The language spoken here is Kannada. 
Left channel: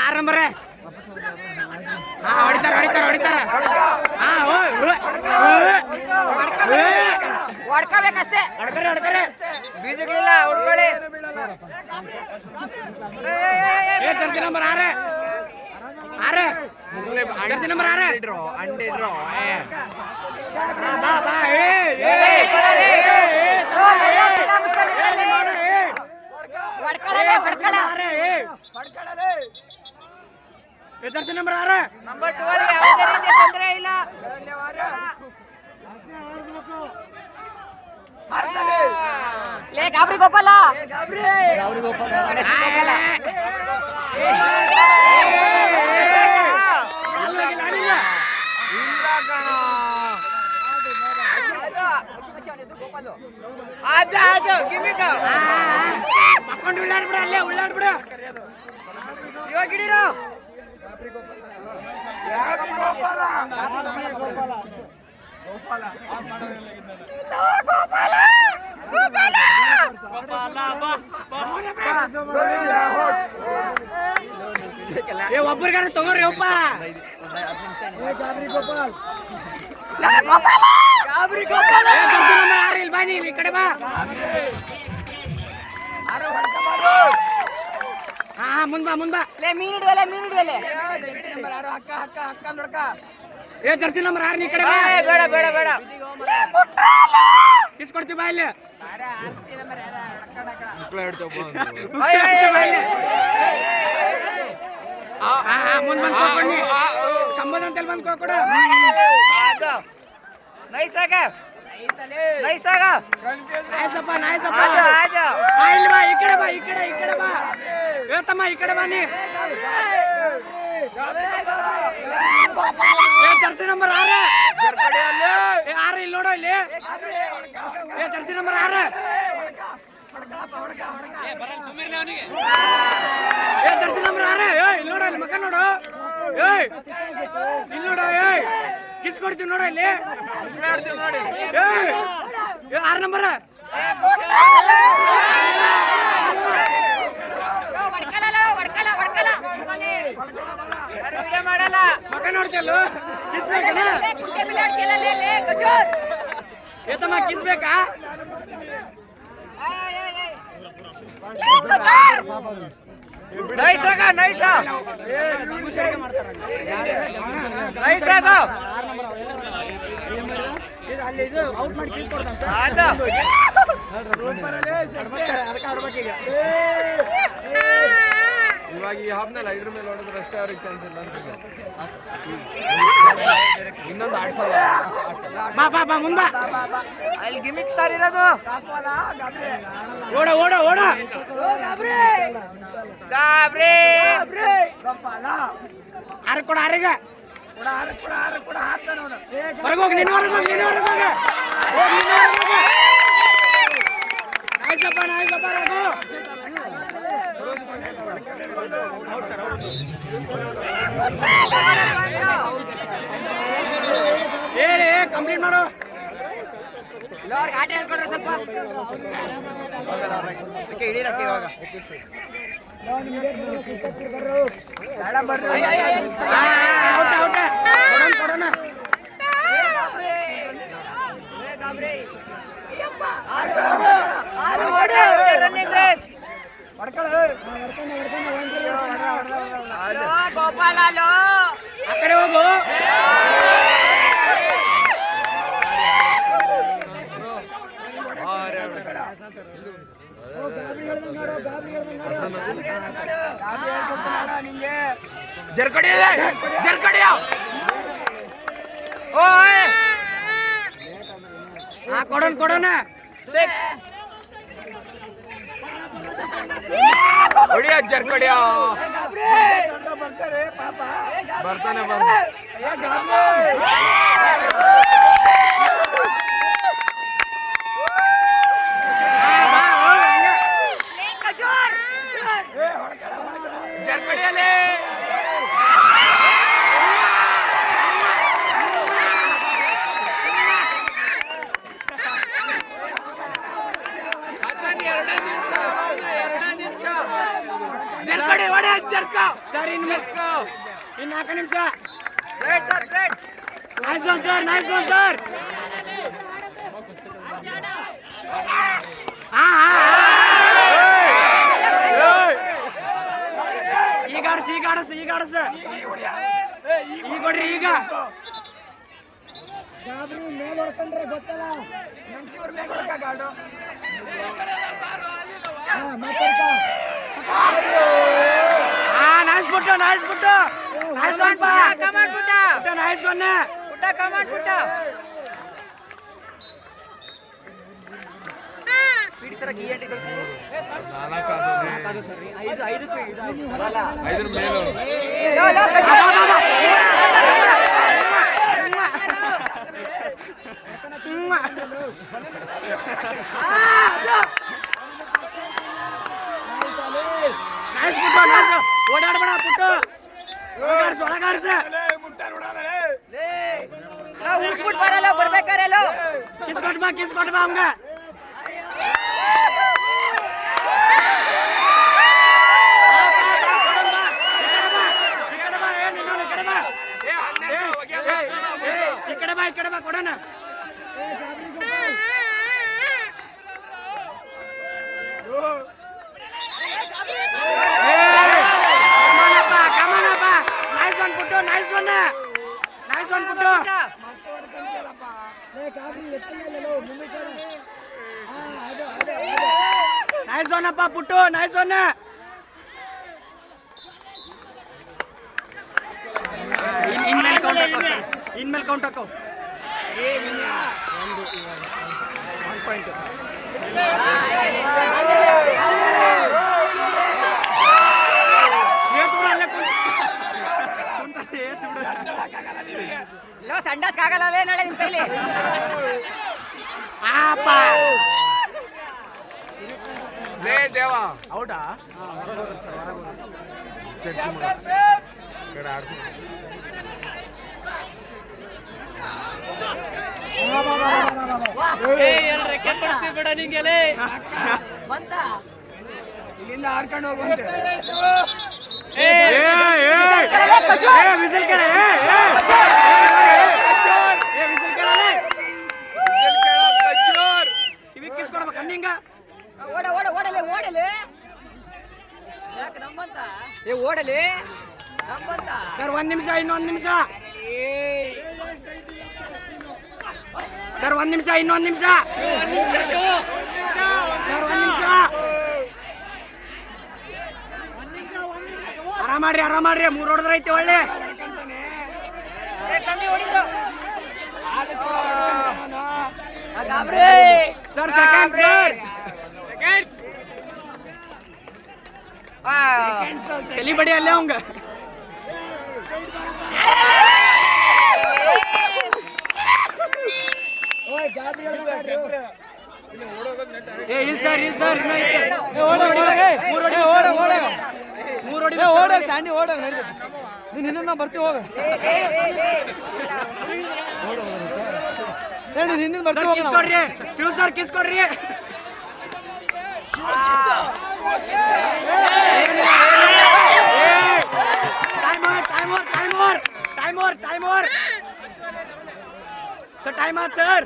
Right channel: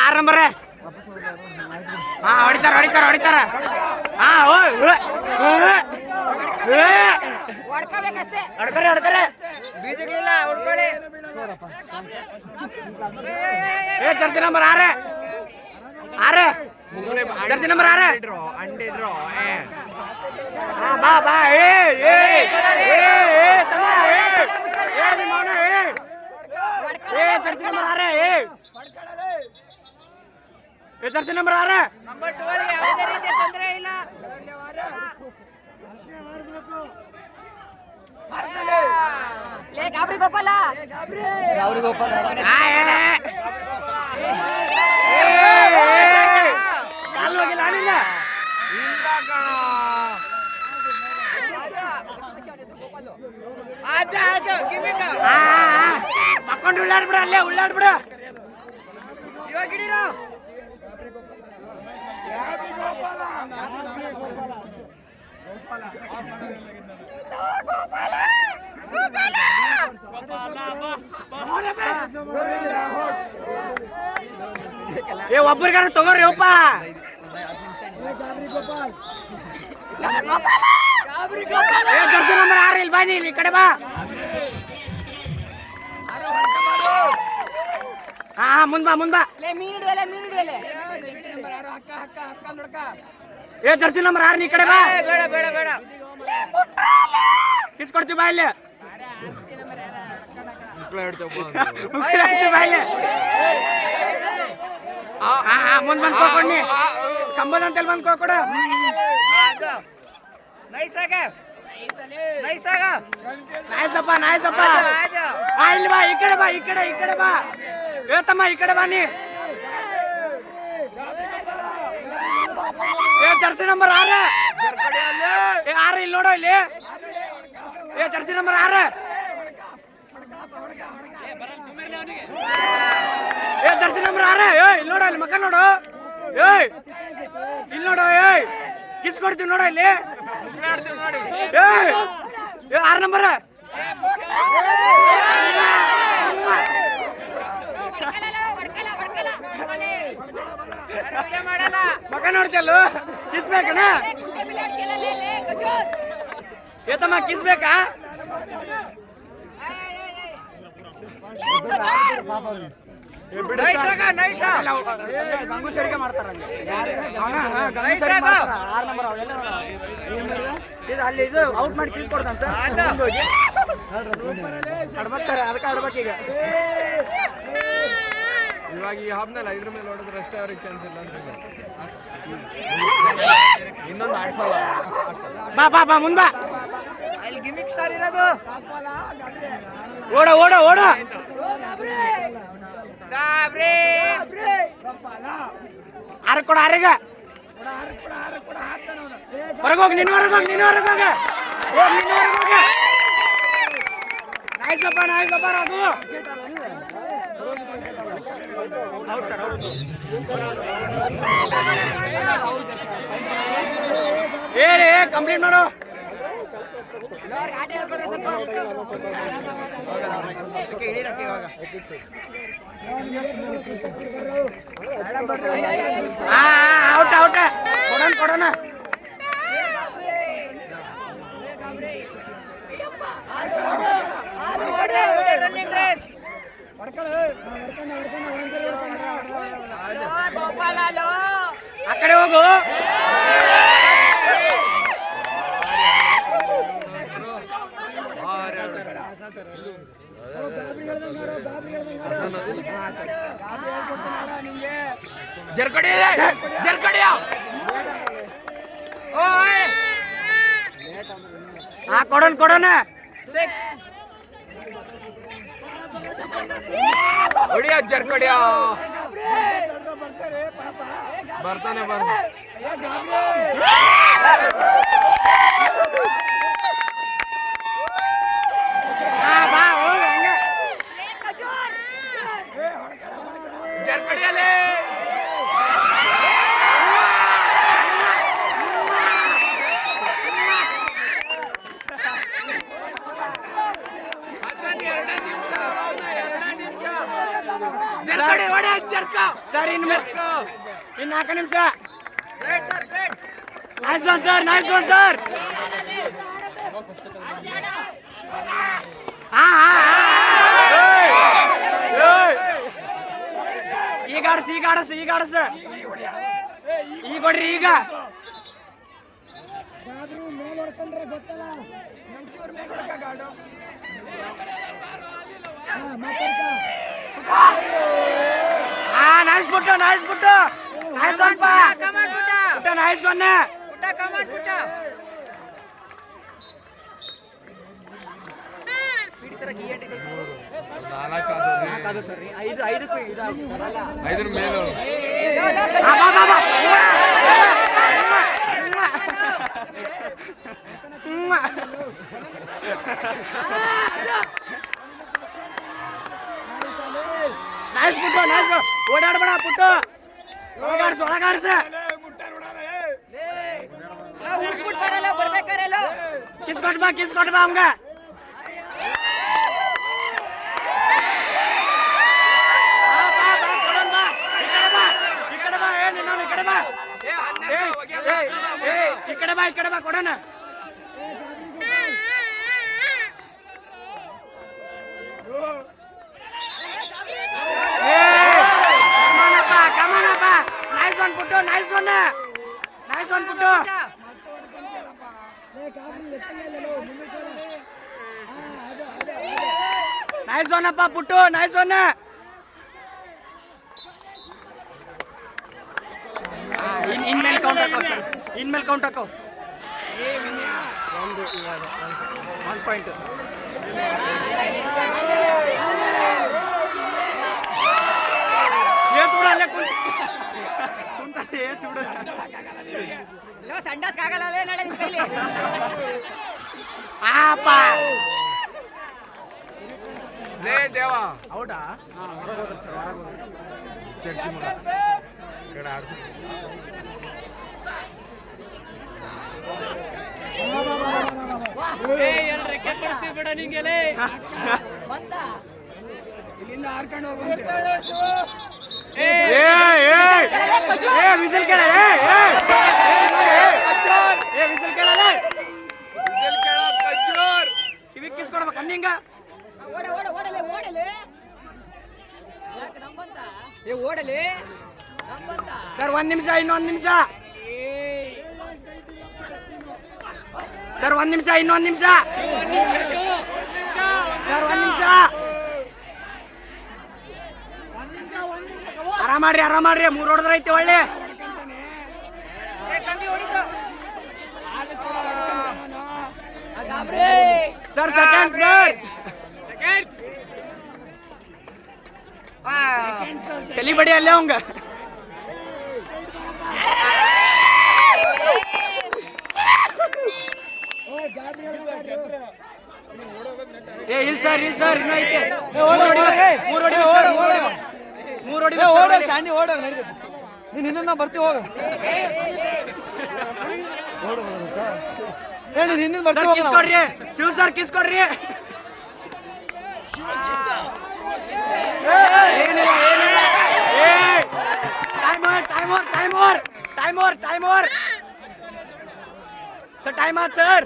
ಆರಂಭರೆ ಹೊಡಿತಾರ ಹೊಡಿತಾರ ಹೊಡಿತಾರ ಹೊಡ್ಕೋಬೇಕಷ್ಟೇ ಹೊಡ್ಕರೆ ಹೊಡ್ಕರೆ ಬೀಜಗಳಿಲ್ಲ ಹೊಡ್ಕೊಳ್ಳಿ ಜರ್ಸಿ ನಂಬರ್ ಆರೆ ಆರೆ ಜರ್ಸಿ ನಂಬರ್ ಆರೆ ಅಂಡಿಡ್ರೋ ಬಾ ಬಾ ಜರ್ಸಿ ನಂಬರ್ ಆರೆ ನಂಬರ್ 12 ಯಾವುದೇ ರೀತಿಯ ತೊಂದರೆ ಇಲ್ಲ. ಗಾಬರಿ ಗೋಪಾಲ ಗಾಬರಿ ಗೋಪಾಲ ಮಕ್ಕೊಂಡು ಉಳ್ಳಾಡ್ಬಿಡ ಅಲ್ಲೇ ಉಳ್ಳಾಡ್ಬಿಡ ಇವಾಗ ಹಿಡೀರೋ ಒಬ್ಬರಿಗಾರ ತಗೋರಿ ಒಪ್ಪ ಇಲ್ಲಿ ಬಾ ನೀನ್ ಈ ಕಡೆ ಬಾ ಮುಂದ್ ಬಾ ಮುಂದ್ ಬಾ ಮೀನ್ ಹಿಡಿಯಲ್ಲ ಮೀನ್ ಹಿಡಿಯಲ್ಲ ಜರ್ಸಿ ನಂಬರ್ 6 ನೀ ಕಡೆ ಬಾ ಬೇಡ ಬೇಡ ಬೇಡ ಕಿಸ್ಕೊಡ್ತೀವಿ ಬಾ ಇಲ್ಲಿ ಮುಂದ್ ಬಂದ್ ಸಂಬಂಧ ಅಂತ ಬಂದ್ ಕೊಡ ನೈಸಾಗ ನೈಸಾಗ ನಾಯ್ಸಪ್ಪ ನಾಯ್ಸಪ್ಪ ಇಲ್ಲಿ ಬಾ ಈ ಕಡೆ ಬಾ ಈ ಕಡೆ ಈ ಕಡೆ ಬಾ ತಮ್ಮ ಈ ಕಡೆ ಬಾನಿ ಜರ್ಸಿ ನಂಬರ್ 6 6 ಇಲ್ಲಿ ನೋಡ ಇಲ್ಲಿ ಜರ್ಸಿ ನಂಬರ್ 6 ಜರ್ಸಿ ನಂಬರ್ 6 ಇಲ್ಲಿ ನೋಡ ಇಲ್ಲಿ ಮಕ್ಕ ನೋಡು ಇಲ್ಲಿ ನೋಡ ಕಿಸ್ ಕೊಡ್ತೀವಿ ನೋಡ ಇಲ್ಲಿ 6 ನಂಬರ್ ಮಕ್ಕ ನೋಡ್ತಲ್ಲ ಕಿಸ್ಬೇಕನ ಏತಮ್ಮ ಕಿಸ್ಬೇಕಾ ನೈಸಾಗ ನೈಸಾ ನೈಸಾಗ ಅಲ್ಲಿ ಇದು ಔಟ್ ಮಾಡಿ ಕಿಸ್ ಕೊಡ್ತಾನೆ ಇವಾಗ ಈ ಹಾಫ್ನಲ್ಲಿ 5 ಮೇಲೆ ಹೊಡೆದ್ರೆ ಅಷ್ಟೇ ಅವ್ರಿಗೆ ಚಾನ್ಸ್ ಇಲ್ಲ ಇನ್ನೊಂದು ಆಡ್ಸಲ್ಲ ಬಾ ಬಾ ಬಾ ಮುಂದ್ ಬಾ ಅಲ್ಲಿ ಗಿಮಿಕ್ ಸ್ಟಾರ್ ಇರೋದು ಓಡ ಓಡ ಓಡ ಗಾಬ್ರಿ ಆರು ಕೊಡ ಆರಿಗ ಹೊರಗೋಗಿ ನಿನ್ನ ಹೊರಗೋಗಿ ನಿನ್ನ ಹೊರಗೋಗಿ ನಾಯ್ಸಪ್ಪ ನಾಯ್ಸಪ್ಪ ರಾಗು ಕಂಪ್ಲೀಟ್ ಮಾಡು ಹಿಡೀರಕ್ಕೆ ಇವಾಗ ಔಟ್ ಔಟ್ ಕೊಡೋಣ ಕೊಡೋಣ ಆ ಕಡೆ ಹೋಗು ಜರ್ಕಡಿ ಜರ್ಕಡಿಯ ಕೊಡೋಣ ಕೊಡೋಣ ಹೊಡಿಯ ಜರ್ಕಡಿಯ ಬರ್ತಾನೆ ಬರ್ತಾನೆ ಜರ್ಕಡಿಯಲ್ಲೇ ಜರ್ಕಡಿ ಹೊಡಿ ಜರ್ಕ ಸರ್ ಇನ್ನು ಜರ್ಕ ಇನ್ನು 4 ನಿಮಿಷ. Nice one sir, nice one sir. ಈಗ ಆಡಸ್ ಈಗ ಆಡಸ್ ಈಗ ಆಡಸ್ ಈಗ ಕೊಡ್ರಿ ಈಗ. ಮೇಲೆ ಹೊಡ್ಕೊಂಡ್ರೆ ಗೊತ್ತಲ್ಲ ನೈಸ್ ಬಿಟ್ಟು ನೈಸ್ ಬಿಟ್ಟು ನೈಸ್ ಒನ್ ಪಾ ನೈಸ್ ಒನ್ ನಾಲ್ಕು ಐದರ ಮೇಲು ಓಡಾಡ್ಬೇಡ ಪುಟ್ಟು ಒಳಗಾಡ್ಸ ಒಳಗಾಡ್ಸ ಕಿಸ್ಕೊಟ್ ಬಾ ಕಿಸ್ಕೊಟ್ ಬಾ ಹಂಗ ಈ ಕಡೆ ಬಾ ಕೊಡೋಣ. ಕಮಾನಪ್ಪ ನೈಸ್ ಒನ್ ಪುಟ್ಟು ನೈಸ್ ಒನ್ ಪುಟ್ಟು ನೈಸ್ ಒನ್ ಅಪ್ಪ ಪುಟ್ಟು ನೈಸ್ ಒನ್. ಇನ್ಮೇಲೆ ಕೌಂಟ್ ಹಾಕೋ ಸರ್, ಇನ್ಮೇಲೆ ಕೌಂಟ್ ಹಾಕೋ. 1 ಪಾಯಿಂಟ್ ಸಂಡಾಸ್ಕಾಗಲ್ಲ ನಾಳೆ ನಿಮ್ ಕೈಲಿ. ಲೇ ದೇವ ಹೌದಾ? ಹೊರಗೆ ಹೋದ್ರಿ ಸರ್, ಹೊರಗೆ ಹೋದ್ರಿ. ಚರ್ಚಿ ಮಗ ಕಡೆ ಆಡ್ಸಿ ಇಲ್ಲಿಂದ ಹಾರ್ಕೊಂಡು ಹೋಗುವಂತೆ. ವಿಸಲ್ ಕೇಳ ವಿಸಲ್ ಕೇಳಲೇ ಕಿವಿ ಕಿಸ್ಕೊಡ್ಬೇಕು ಅನ್ನಿಂಗ. ಓಡಲಿ ಸರ್, 1 ನಿಮಿಷ, ಇನ್ನೊಂದು ನಿಮಿಷ ಸರ್, 1 ನಿಮಿಷ, ಇನ್ನೊಂದು ನಿಮಿಷ ಸರ್, 1 ನಿಮಿಷ. ಆರಾಮಾಡ್ರಿ 3 ಹೊಡೆದ್ರೆ ಐತಿ ಒಳ್ಳೆ ಸರ್. ಸೆಕೆಂಡ್ ಸರ್ ತಲಿ ಬಡಿ ಅಲ್ಲೇ ಅವಂಗ. ಇಲ್ಲ ಸರ್ ಇನ್ನೂ ಐತೆ. 3 ಹೊಡಿ ಸ್ಯಾಂಡಿ ಓಡ ನೀನು ಇನ್ನೂ ನಾವು ಬರ್ತೀವಿ ಹೋಗ. ಹಿಂದಿನ ಬರ್ತೀವಿ ಕಿಸ್ಕೊಡ್ರಿ ಶಿವ್ ಸರ್ ಕಿಸ್ಕೊಡ್ರಿ. ಟೈಮ್ ಓವರ್ ಸರ್, ಟೈಮ್ ಆತ್ ಸರ್.